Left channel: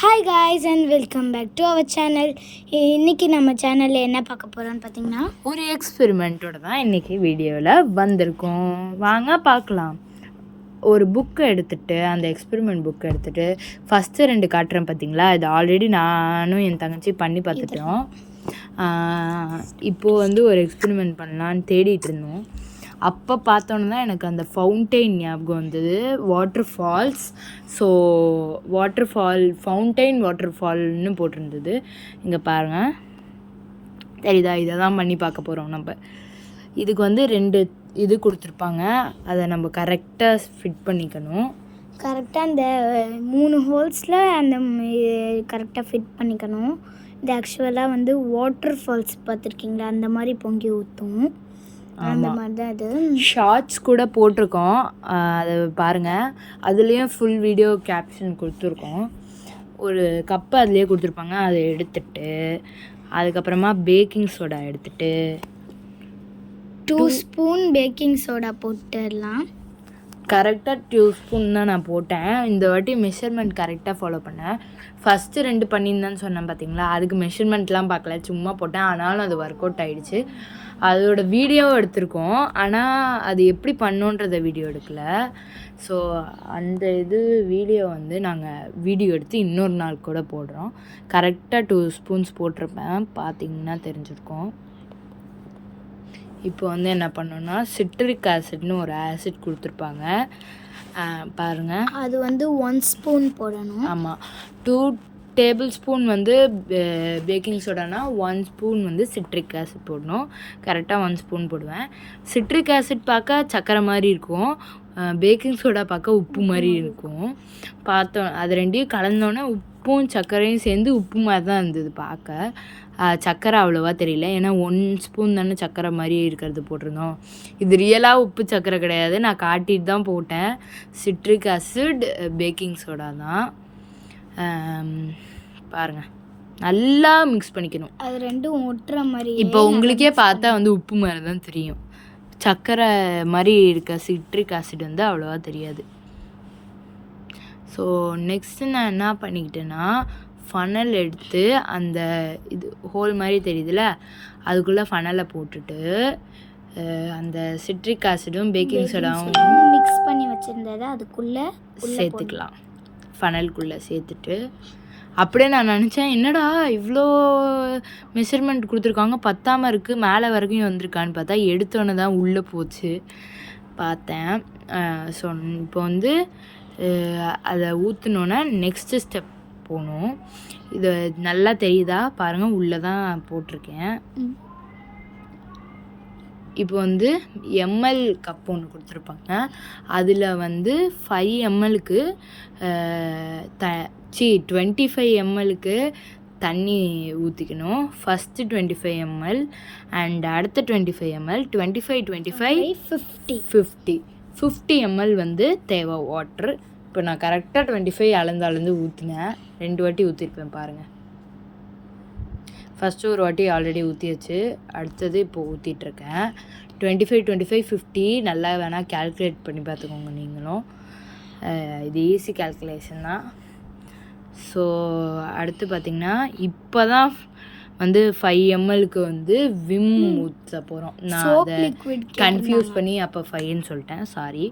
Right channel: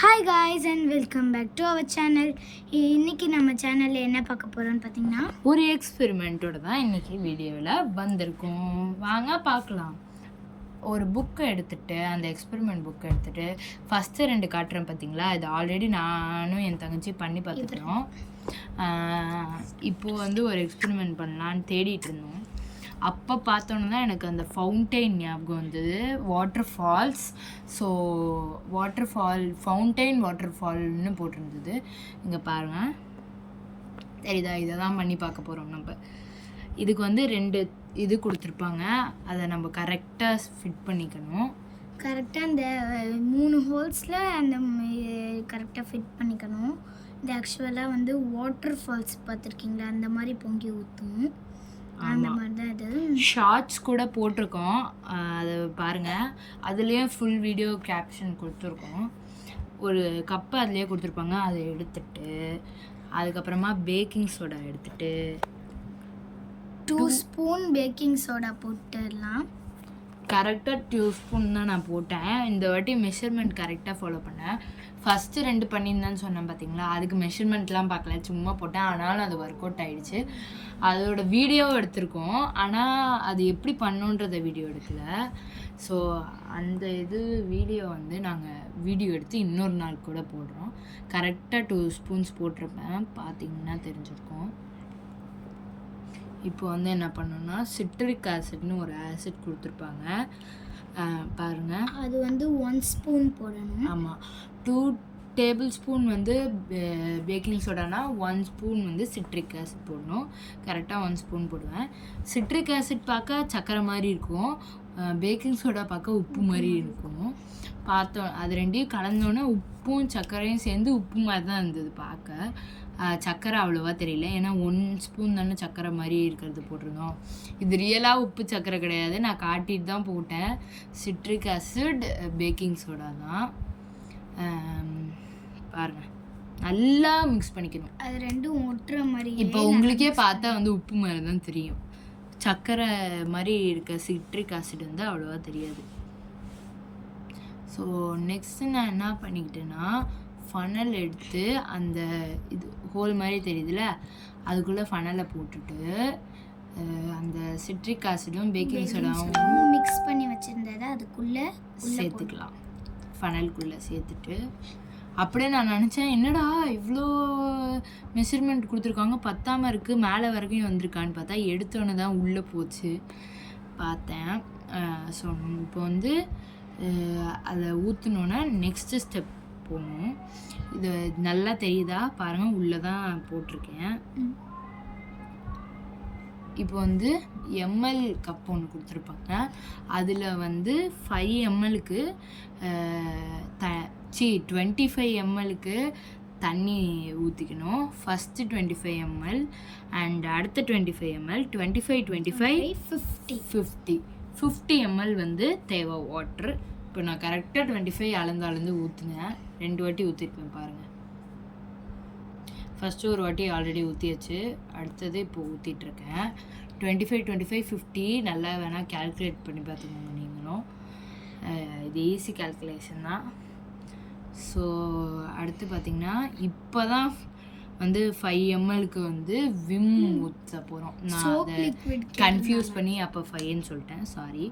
Hi guys and welcome back to our channel. இன்றைக்கி நம்ம சேனலில் என்ன பார்க்க போகிறோம்னு பார்த்தீங்கன்னா ஒரு எக்ஸ்பெரிமெண்ட்டோட தான் இன்றைக்கி வீடியோவில் வந்திருக்கோம். வாங்க பார்க்கலாம். ஒரு புக்கை எடுத்துகிட்டு அந்த எக்ஸ்பெரிமெண்ட் புக்கை எடுத்துகிட்டு ஃபஸ்ட்டு 2 காட்டுறேன் பார்த்தீங்களா, இது ஆல்ரெடி நானும் என் தங்கச்சி பண்ணி பார்த்துட்டோம். இப்போது ஒரு எக்ஸ்பெரிமெண்ட் பண்ணலான்னு தேடிட்டு இருந்தோம். அப்போ பார்த்தோன்னு தான் எனக்கு அந்த ஃபவுண்டைன் ஞாபகம் வந்தது, water falls. So fountain water ஃபால்னு போட்டிருந்தது. இங்கே பாருங்கள், தெரியுதா? இதை தான் பண்ணி பார்க்க போகிறோம் நம்ம. இதுக்கு 2 இது கொடுத்துருப்பாங்க, அதை நம்ம கரெக்டாக ஃபிட் பண்ணிக்கணும். கரெக்டாக அந்த 3 ஹோல்ஸில் அந்த கரெக்டாக ஃபிட் பண்ணிக்கணும். இது ஆக்சுவலாக வாட்டர் ஃபால்ஸ் பார்த்துருக்கீங்களா, அந்த மாதிரி பொங்கி ஊற்றும். அந்த மாதிரி தான் இது. ஷார்ட்ஸ் கூட போட்டிருக்கோம், அதை பாருங்கள். அதுலேயும் ஃபுல் வீடியோ கேப்ஷன் கொடுத்துருக்கோம். ஒரு கப்பு அதுலேயே கொடுத்துருப்பாங்க. அதை எடுத்துட்டு அதுக்கப்புறமா பேக்கிங் சோடா எடுத்துட்டு 2 ஸ்பூன் பேக்கிங் சோடா போட்டுடலாம். கரெக்டாக 2 ஸ்பூன் தான் நான் போட்டேன். இந்த வாட்டி மெஷர்மெண்ட் கரெக்டாக ஃபாலோ பண்ணேன். ஃபஸ்ட்டு 2 பண்ணியிருந்தான்னு சொன்னேன் பார்த்தீங்களா, அதுக்கு மெஷர்மெண்ட்லாம் பார்க்கல, சும்மா போட்டேன். ஆனாலும் அது ஒர்க் அவுட் ஆகிடுச்சு. அதோட வீடியோவும் எடுத்திருக்கோம், ஆனால் அது எப்படி பண்ணோன்றத வீடியோ எடுக்கலை. ஸோ அந்த வீடியோ நாங்கள் வீடியோ எடுத்து இன்னொரு நாள் கூட போடுறோம். கரெக்டாக 2 ஸ்பூன்ஸ் போட்டிருப்பேன், பார்த்தீங்கன்னா தெரிஞ்சிருக்கோம். இப்போ என்ன பண்ணோன்னா, சிட்ரிக் ஆசிட்னு ஒரு ஆசிட் கொடுத்துருப்பாங்க பாருங்கள். அது 1 ஸ்பூன் போடணும். ஆமாம், 2 டேபிள் ஸ்பூன் பேக்கிங் சோடானா 1 ஸ்பூன் சிட்ரிக் ஆசிட் போடணும். கரெக்டாக 1 ஸ்பூன் போடுவேன். சிட்ரிக் ஆசிட் பார்க்க சக்கரை மாதிரி இருக்கும், பேக்கிங் சோடா பார்க்க உப்பு மாதிரி இருக்கும். பார்த்தோம், அது 2ஐயும் கலந்தோன்னே உப்பும் சர்க்கரையும் சேர்ந்து உப்பு மாதிரி தான் இருந்தது பார்க்க. சக்கரை அவ்வளோவா தெரியல, ஏன்னா 1 ஸ்பூன் தானே சக்கரை மாதிரி இருக்கிறது போட்டிருந்தோம். இது ரியலாக உப்பு சக்கரை கிடையாது, நான் காட்டிட்டு தான் போட்டேன். சிட்ரிக் ஆசிட் பேக்கிங் சோடா தான். பாருங்கள், நல்லா மிக்ஸ் பண்ணிக்கணும். அது 2ம் ஒட்டுற மாதிரி. இப்போ உங்களுக்கே பார்த்தா உப்பு மாதிரி தான் தெரியும், சக்கரை மாதிரி இருக்க சிட்ரிக் ஆசிட் அவ்வளோவா தெரியாது. ஸோ நெக்ஸ்ட்டு நான் என்ன பண்ணிக்கிட்டேன்னா, ஃபனல் எடுத்து அந்த ஹோல் மாதிரி தெரியுதுல்ல, அதுக்குள்ளே ஃபனலை போட்டுட்டு அந்த சிட்ரிக் ஆசிடும் பேக்கிங் சோடாவும் மிக்ஸ் பண்ணி வச்சுருந்ததை அதுக்குள்ளே சேர்த்துக்கலாம். ஃபனலுக்குள்ளே சேர்த்துட்டு அப்படியே நான் நினச்சேன், என்னடா இவ்வளோ மெஷர்மெண்ட் கொடுத்துருக்காங்க, பத்தாமல் இருக்குது, மேலே வரைக்கும் வந்திருக்கான்னு பார்த்தா எடுத்தோன்னே தான் உள்ளே போச்சு பார்த்தேன். ஸோ இப்போ அதை ஊற்றினோன்னே நெக்ஸ்ட்டு ஸ்டெப் போகணும். இது நல்லா தெரியுதா பாருங்கள், உள்ளே தான் போட்டிருக்கேன். இப்போ எம்எல் கப் ஒன்று கொடுத்துருப்பாங்க, அதில் 5 எம்எல்க்கு 25 எம்எல்க்கு தண்ணி ஊற்றிக்கணும். ஃபஸ்ட்டு 25 எம்எல் அண்ட் அடுத்த 25 எம்எல், 25 50 எம்எல் தேவை வாட்ரு. இப்போ நான் கரெக்டாக 25 அளந்து ஊற்றினேன். 2 வாட்டி ஊற்றிருப்பேன் பாருங்கள். ஃபஸ்ட்டு ஒரு வாட்டி ஆல்ரெடி ஊற்றி வச்சு, அடுத்தது இப்போது ஊற்றிட்டுருக்கேன். 25 50 நல்லா வேணால் கேல்குலேட் பண்ணி பார்த்துக்கோங்க நீங்களும், இது ஈஸி கேல்குலேஷன் தான். ஸோ அடுத்து பார்த்திங்கன்னா, இப்போ தான் 5 எம்எல்க்கு விம் ஊற்ற போகிறோம். நான் அதை கன்ஃபியூஸ் பண்ணி அப்போ 5ன்னு சொல்லிட்டேன், சாரி.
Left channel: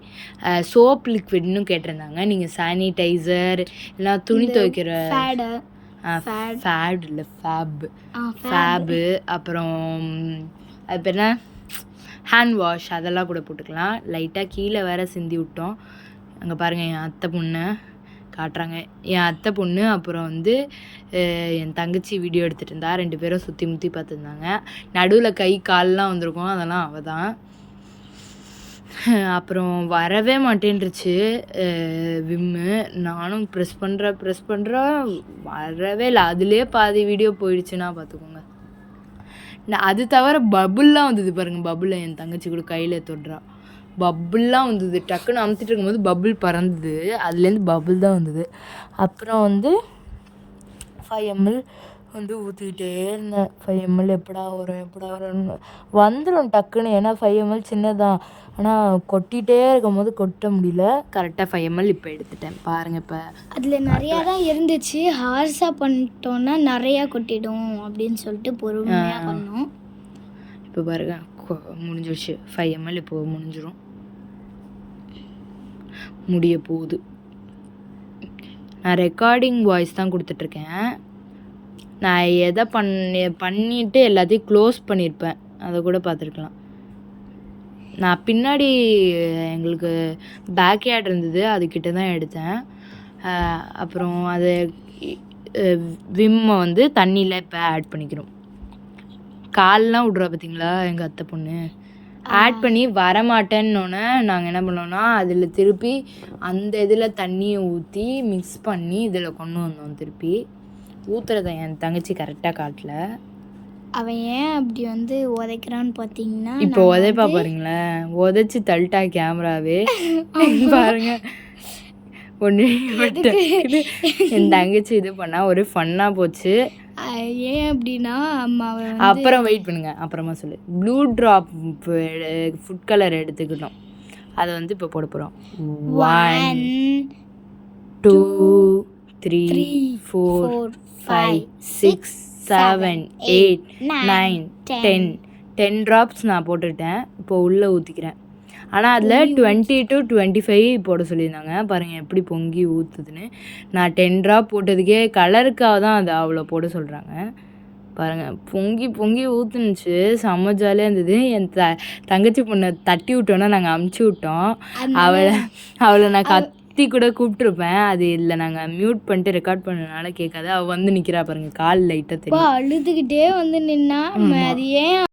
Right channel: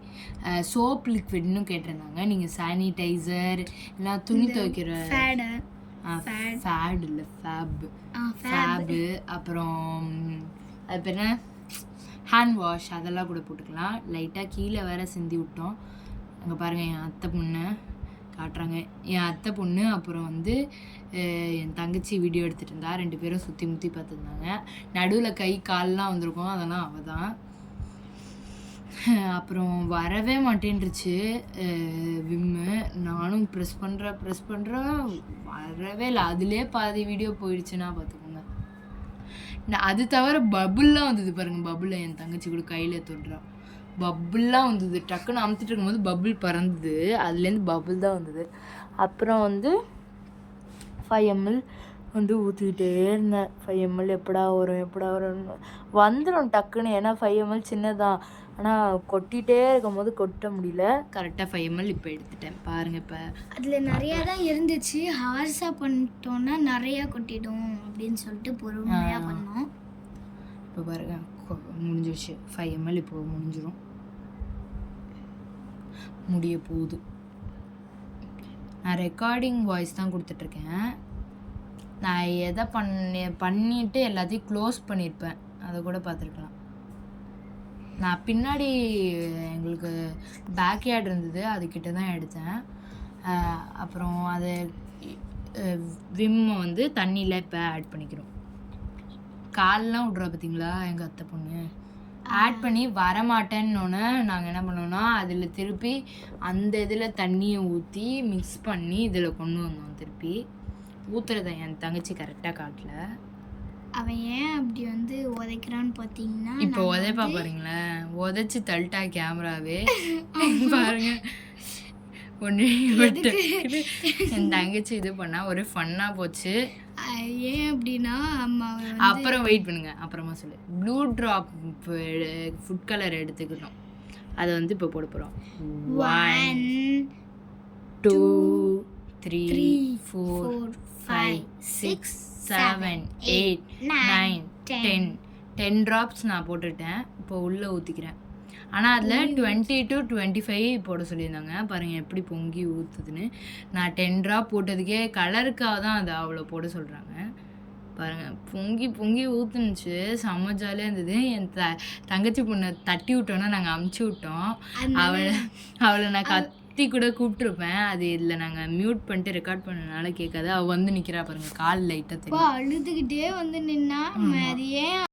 சோப் லிக்விட்னு கேட்டிருந்தாங்க. நீங்கள் சானிடைசர் இல்லைனா துணி துவைக்கிற ஃபேட் இல்லை ஃபேபு, அப்புறம் அது பேர் என்ன, ஹேண்ட் வாஷ், அதெல்லாம் கூட போட்டுக்கலாம். லைட்டாக கீழே வேற சிந்தி விட்டோம். அங்கே பாருங்கள், என் அத்தை பொண்ணு காட்டுறாங்க. என் அத்தை பொண்ணு அப்புறம் என் தங்கச்சி வீடியோ எடுத்துகிட்டு இருந்தா. 2 பேரும் சுற்றி முற்றி பார்த்துருந்தாங்க. நடுவில் கை கால்லாம் வந்திருக்கும், அதெல்லாம் அவள் தான். அப்புறம் வரவே மாட்டேன்ருச்சு விம்மு. நானும் ப்ரெஸ் பண்ணுறேன், வரவே இல்லை. அதுலேயே பாதி வீடியோ போயிடுச்சுன்னா பார்த்துக்கோங்க. அது தவிர பபுல்லாம் வந்தது பாருங்கள், பபுளில் என் தங்கச்சி கூட கையில் தொடுறா, பபுல்லாம் வந்தது. டக்குன்னு அமுத்திட்டு இருக்கும்போது பபுள் பறந்தது, அதுலேருந்து பபுள் தான் வந்தது. அப்புறம் 5 எம்எல் ஊற்றிக்கிட்டே இருந்தேன். 5 எம்எல் எப்படா வரும் வந்துடும் டக்குன்னு, ஏன்னா 5 எம்எல் சின்னதான். ஆனால் கொட்டிகிட்டே இருக்கும்போது கொட்ட முடியல. கரெக்டாக 5 ml இப்போ எடுத்துட்டேன் பாருங்கள். இப்போ அதில் நிறையா தான் இருந்துச்சு. ஹார்ஸாக பண்ணிட்டோன்னா நிறையா கொட்டிடும் அப்படின்னு சொல்லிட்டு பொறுமையாக பண்ணோம். இப்போ பாருங்க முடிஞ்சிடுச்சு. 5 ml இப்போ முடிஞ்சிடும், முடிய போகுது. நான் ரெக்கார்டிங் வாய்ஸ் தான் கொடுத்துட்ருக்கேன். நான் எதை பண்ணிவிட்டு எல்லாத்தையும் க்ளோஸ் பண்ணியிருப்பேன், அதை கூட பார்த்துருக்கலாம். நான் பின்னாடி எங்களுக்கு பேக்யார்ட் இருந்தது, அதுக்கிட்ட தான் எடுத்தேன். அப்புறம் அதை விம்மை வந்து தண்ணியில் இப்போ ஆட் பண்ணிக்கிறோம். கால்லாம் விட்றா பார்த்தீங்களா எங்கள் அத்தை பொண்ணு. ஆட் பண்ணி வரமாட்டேன்னொன்னே நாங்கள் என்ன பண்ணோன்னா அதில் திருப்பி அந்த இதில் தண்ணியை ஊற்றி மிக்ஸ் பண்ணி இதில் கொண்டு வந்தோம். திருப்பி ஊற்றுறத என் தங்கச்சி கரெக்டாக காட்டல. அவன் ஏன் அப்படி வந்து உதைக்கிறான்னு பார்த்தீங்கன்னா, இப்போ உதைப்பா பாருங்களேன், உதைச்சி தள்ளிட்டா கேமராவே பாருங்க. ஒன்று என் தங்கச்சி இது பண்ணால் ஒரு ஃபன்னாக போச்சு. ஏன் அப்படின்னா அப்புறம் வெயிட் பண்ணுங்க, அப்புறமா சொல்லு. ப்ளூ ட்ராப் ஃபுட் கலர் எடுத்துக்கிட்டோம், அதை வந்து இப்போ போட போகிறோம். 1 2 3 4 5 6 7 8 9 10 ட்ராப்ஸ் நான் போட்டுட்டேன். இப்போ உள்ளே ஊற்றிக்கிறேன். ஆனால் அதில் 20 to 25 போட சொல்லியிருந்தாங்க. பாருங்கள் எப்படி பொங்கி ஊற்றுதுன்னு. நான் 10 ட்ராப் போட்டதுக்கே கலருக்காக தான் அது அவ்வளோ போட சொல்கிறாங்க. பாருங்கள் பொங்கி பொங்கி ஊற்றுனுச்சு, செம்ம ஜாலியாக இருந்தது. என் தங்கச்சி பொண்ணை தட்டி விட்டோன்னா நாங்கள் அமுச்சு விட்டோம். அவளை நான் கத்தி கூட கூப்பிட்ருப்பேன், அது இல்லை நாங்கள் மியூட் பண்ணிட்டு ரெக்கார்ட் பண்ணனால கேட்காது. அவள் வந்து நிற்கிறா பாருங்கள், கால் லைட்டாக தெரியும். அழுதுகிட்டே வந்து நின்னா. அது ஏன்